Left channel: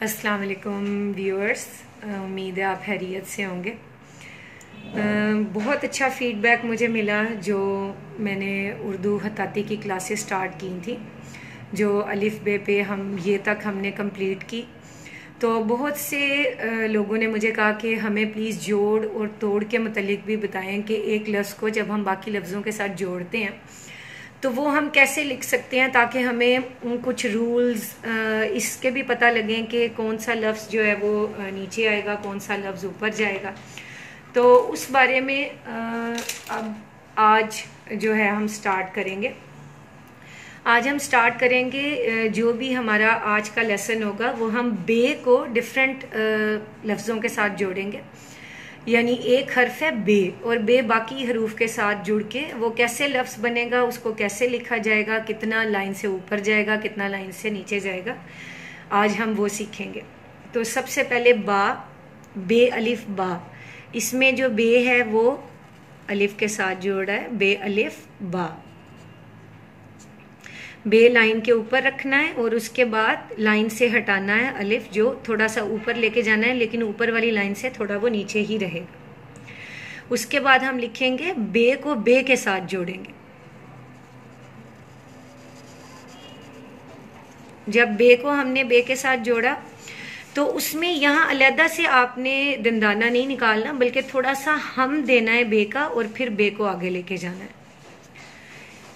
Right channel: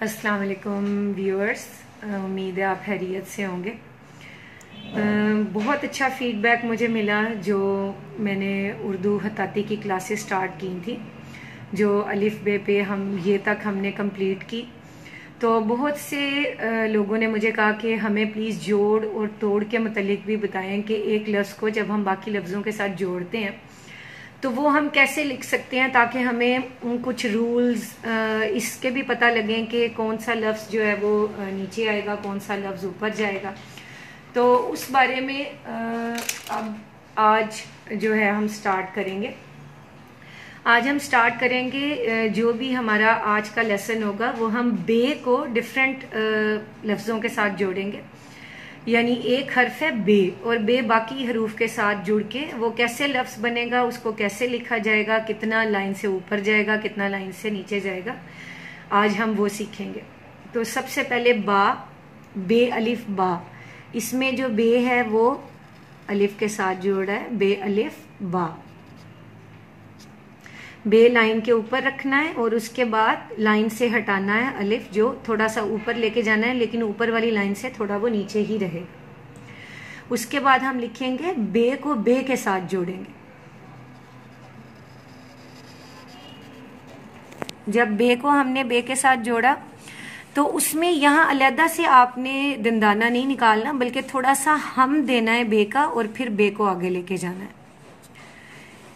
अस्सलाम वालेकुम व्यूअर्स, उम्मीद है आप खैरियत से होंगे। बहुत अच्छा फीडबैक मुझे मिला जो मैंने उर्दू खताती की क्लासेस स्टार्ट की थी, जो अलिफ बे पे हम ये तक हमने कंप्लीट की। तो बहुत से लोगों ने मुझे कहा कि हमें प्लीज़ जोड़ और तोड़ के मुतालिक भी बताएं कि एक लफ्ज़ को जब हम बाकी लफ्ज़ों के साथ जोड़ते हैं तो वो हम कैसे लिख सकते हैं, ताकि हमें कुछ रूल्स इसके भी पता लगें कि कौन सा लफ्ज़ जो है वो नीचे आएगा, कौन सा लफ्ज़ ऊपर जाएगा। तो उस बारे में अब आज जो है हम स्टार्ट करेंगे। आज हम स्टार्ट करेंगे, जो भी हमारा आज का लेसन होगा वो हम बे को डिफरेंट लफ्ज़ों के साथ जोड़ेंगे। यानी एक हर्फ है बे और बे बाकी हरूफ के साथ जुड़ के वो कैसे लफ्ज बनेगा, उसको कैसे लिखा जाएगा, कितना लाइन से ऊपर जाएगा, कितना लाइन से नीचे जाएगा, आज हम वो सीखेंगे। तो सबसे पहले बा, बे अलिफ बा। इसमें जो बे है वो अलिफ के साथ जोड़ा है, बे अलिफ बा। बे लाइन के ऊपर रखना है और उसके बाद लाइन से हटाना है अलिफ, जो थोड़ा सा ऊपर लेके जाना है, लेकिन ऊपर वाली लाइन से थोड़ा वो नीचे ही रहे। उसके बाद हम लिखेंगे बे को बे के साथ जोड़ेंगे। जब बे को हमने बे के साथ जोड़ा तो उसमें यहां अलहदा से आपने दंदाना नहीं निकालना, बल्कि थोड़ा सा हम देना है बे का और फिर बे को आगे लेके जाना है।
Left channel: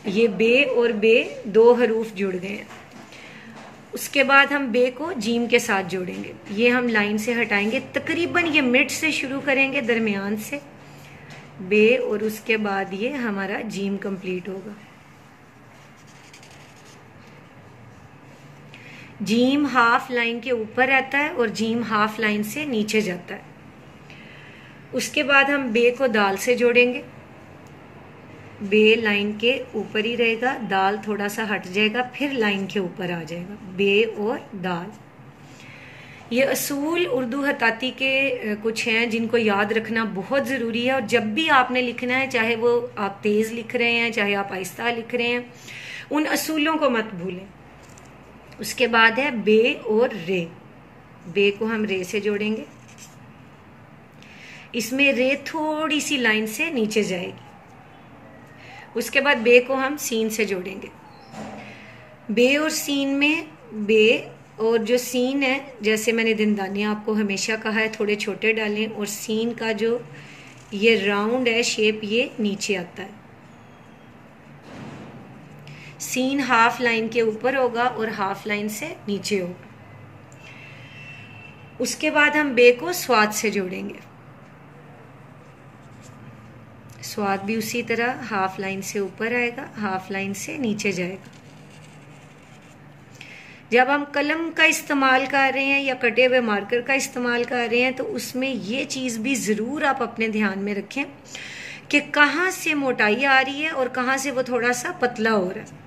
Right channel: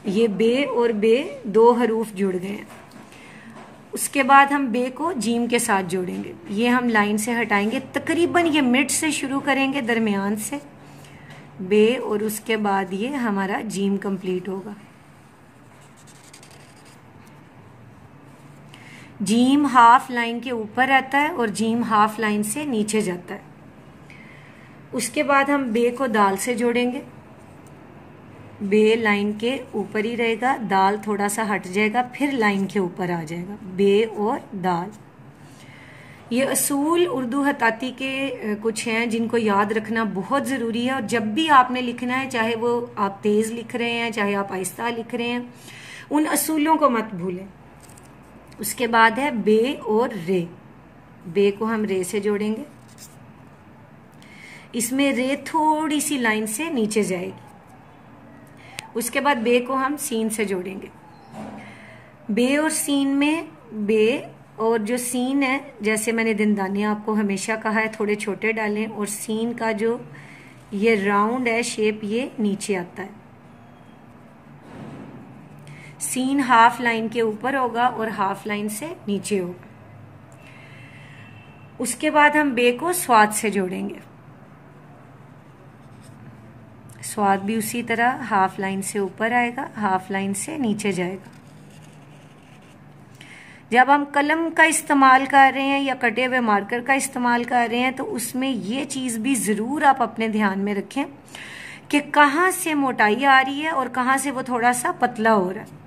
ये बे और बे दो हरूफ जुड़ गए हैं। उसके बाद हम बे को जीम के साथ जोड़ेंगे। ये हम लाइन से हटाएंगे, तकरीबन ये मिड से शुरू करेंगे, दरमियान से बे, और उसके बाद ये हमारा जीम कंप्लीट होगा। जीम हाफ लाइन के ऊपर रहता है और जीम हाफ लाइन से नीचे जाता है। उसके बाद हम बे को दाल से जोड़ेंगे। बे लाइन के ऊपर ही रहेगा, दाल थोड़ा सा हट जाएगा, फिर लाइन के ऊपर आ जाएगा, बे और दाल। ये असूल उर्दू खताती के कुछ हैं जिनको याद रखना बहुत जरूरी है। और जब भी आपने लिखना है, चाहे वो आप तेज लिख रहे हैं, चाहे आप आहिस्ता लिख रहे हैं, उन असूलों को मत भूलें। उसके बाद है बे और रे। बे को हम रे से जोड़ेंगे। इसमें रे थोड़ी सी लाइन से नीचे जाएगी। उसके बाद बे को हम सीन से जोड़ेंगे। बे और सीन में बे और जो सीन है, जैसे मैंने दंदाने आपको हमेशा कहा है थोड़े छोटे डालें, और सीन का जो ये राउंड है शेप, ये नीचे आता है। सीन हाफ लाइन के ऊपर होगा और हाफ लाइन से नीचे होगा। उसके बाद हम बे को स्वाद से जोड़ेंगे। स्वाद भी उसी तरह हाफ लाइन से ऊपर आएगा, हाफ लाइन से नीचे जाएगा। जब हम कलम का इस्तेमाल कर रहे हैं या कटे हुए मार्कर का इस्तेमाल कर रहे हैं तो उसमें ये चीज भी जरूर आप अपने ध्यान में रखें कि कहाँ से मोटाई आ रही है और कहाँ से वो थोड़ा सा पतला हो रहा है।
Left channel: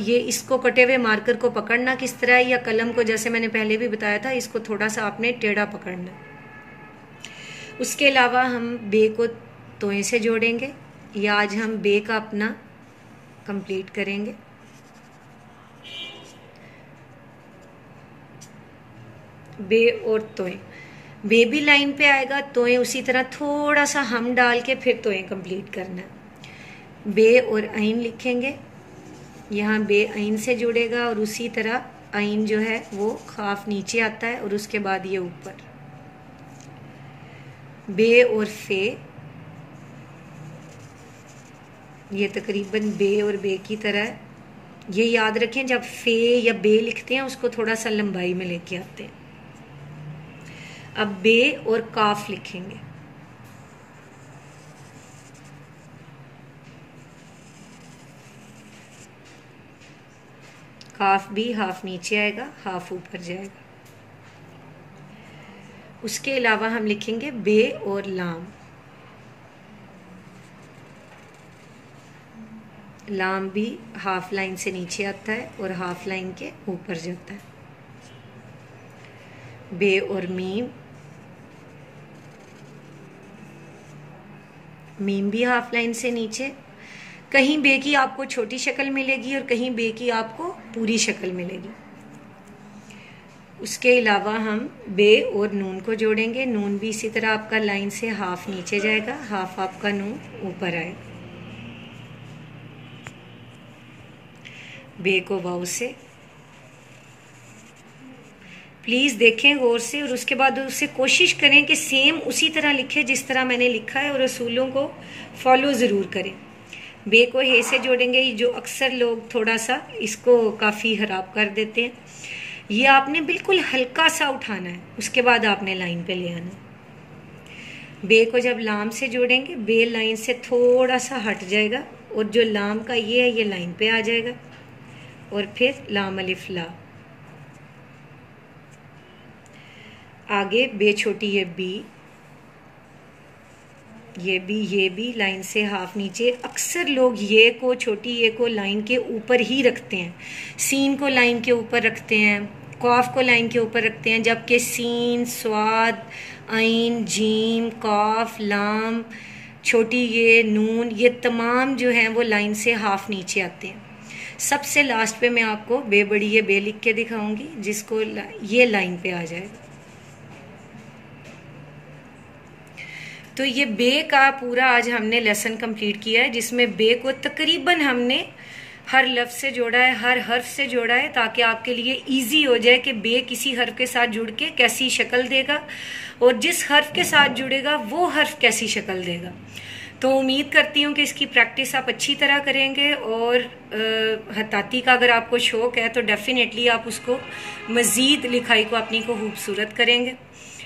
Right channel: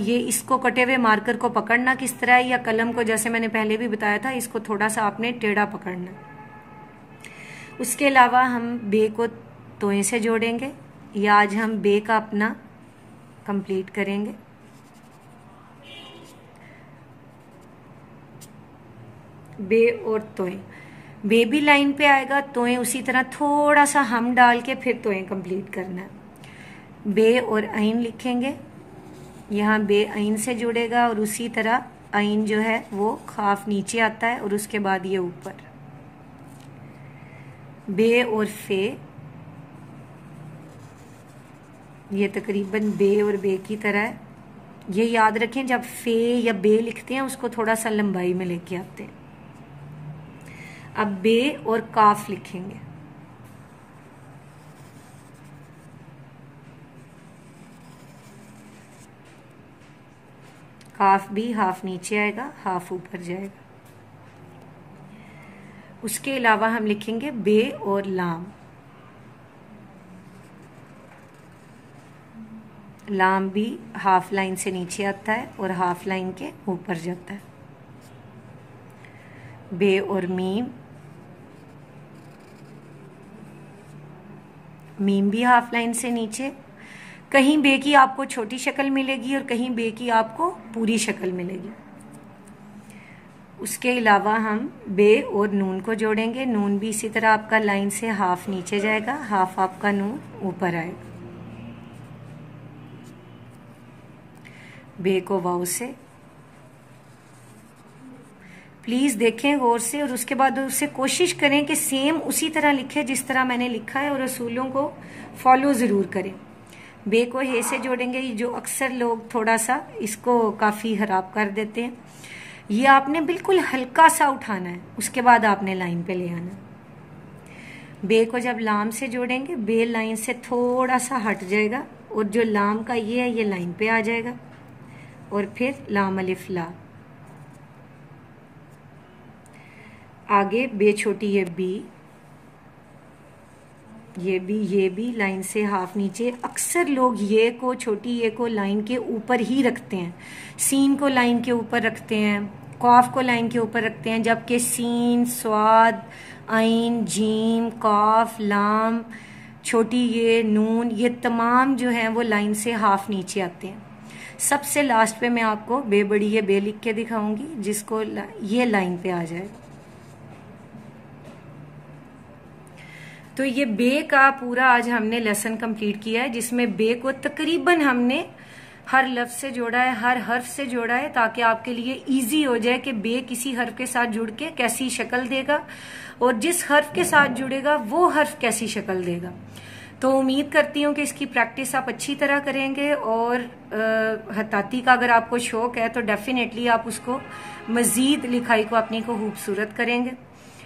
ये इसको कटे हुए मार्कर को पकड़ना किस तरह है, या कलम को जैसे मैंने पहले भी बताया था, इसको थोड़ा सा आपने टेढ़ा पकड़ना। उसके अलावा हम बे को तोए से जोड़ेंगे। या आज हम बे का अपना कंप्लीट करेंगे। बे और तोए, बे भी लाइन पे आएगा, तोए उसी तरह थोड़ा सा हम डाल के फिर तोए कंप्लीट करना है। बे और आइन लिखेंगे। यहाँ बे आइन से जुड़ेगा और उसी तरह आइन जो है वो खाफ नीचे आता है और उसके बाद ये ऊपर। बे और फे, ये तकरीबन बे और बे की तरह है। ये याद रखें, जब फे या बे लिखते हैं उसको थोड़ा सा लंबाई में लेके आते हैं। अब बे और काफ लिखेंगे। काफ भी हाफ नीचे आएगा, हाफ ऊपर जाएगा। उसके अलावा हम लिखेंगे बे और लाम। लाम भी हाफ लाइन से नीचे आता है और हाफ लाइन के ऊपर जाता है। बे और मीम, मीम भी हाफ लाइन से नीचे। कहीं बे की आपको छोटी शक्ल मिलेगी और कहीं बे की आपको पूरी शक्ल मिलेगी। उसके अलावा हम बे और नून को जोड़ेंगे। नून भी इसी तरह आपका लाइन से हाफ नीचे जाएगा, हाफ आपका नून ऊपर आएगा। बे को वाव से प्लीज देखें गौर से, और उसके बाद उससे कोशिश करें कि सेम उसी तरह लिखें जिस तरह मैंने लिखा है, और असूलों को फॉलो जरूर करें। बे को हे से जोड़ेंगे, जो अक्सर लोग थोड़ा सा इसको काफी खराब कर देते हैं। ये आपने बिल्कुल हल्का सा उठाना है, उसके बाद आपने लाइन पे ले आना है। बे को जब लाम से जोड़ेंगे, बे लाइन से थोड़ा सा हट जाएगा, और जो लाम का ये है ये लाइन पे आ जाएगा, और फिर लाम अलिफ ला। आगे बे छोटी है बी, ये भी लाइन से हाफ नीचे। अक्सर लोग ये को, छोटी ये को लाइन के ऊपर ही रखते हैं, सीन को लाइन के ऊपर रखते हैं, कॉफ को लाइन के ऊपर रखते हैं, जबकि सीन, स्वाद, आइन, जीम, कॉफ, लाम, छोटी ये, नून, ये तमाम जो हैं वो लाइन से हाफ नीचे आते हैं। सबसे लास्ट पे मैं आपको बे बड़ी ये बे लिख के दिखाऊंगी, जिसको ये लाइन पे आ जाएगा। तो ये बे का पूरा आज हमने लेसन कंप्लीट किया है, जिसमें बे को तकरीबन हमने हर लफ्ज से जोड़ा है, हर हर्फ से जोड़ा है, ताकि आपके लिए इजी हो जाए कि बे किसी हर्फ के साथ जुड़ के कैसी शक्ल देगा, और जिस हर्फ के साथ जुड़ेगा वो हर्फ कैसी शक्ल देगा। तो उम्मीद करती हूँ कि इसकी प्रैक्टिस आप अच्छी तरह करेंगे, और हत्ताती का अगर आपको शौक है तो डेफिनेटली आप उसको मजीद लिखाई को अपनी को खूबसूरत करेंगे।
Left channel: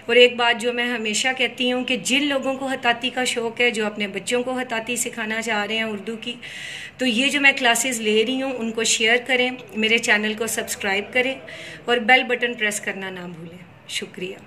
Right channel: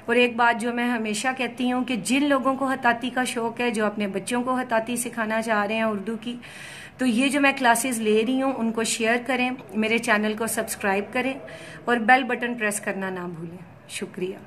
और एक बात जो मैं हमेशा कहती हूँ कि जिन लोगों को हत्ताती का शौक है, जो अपने बच्चों को हत्ताती सिखाना चाह रहे हैं उर्दू की, तो ये जो मैं क्लासेस ले रही हूँ उनको शेयर करें, मेरे चैनल को सब्सक्राइब करें, और बेल बटन प्रेस करना ना भूलें। शुक्रिया।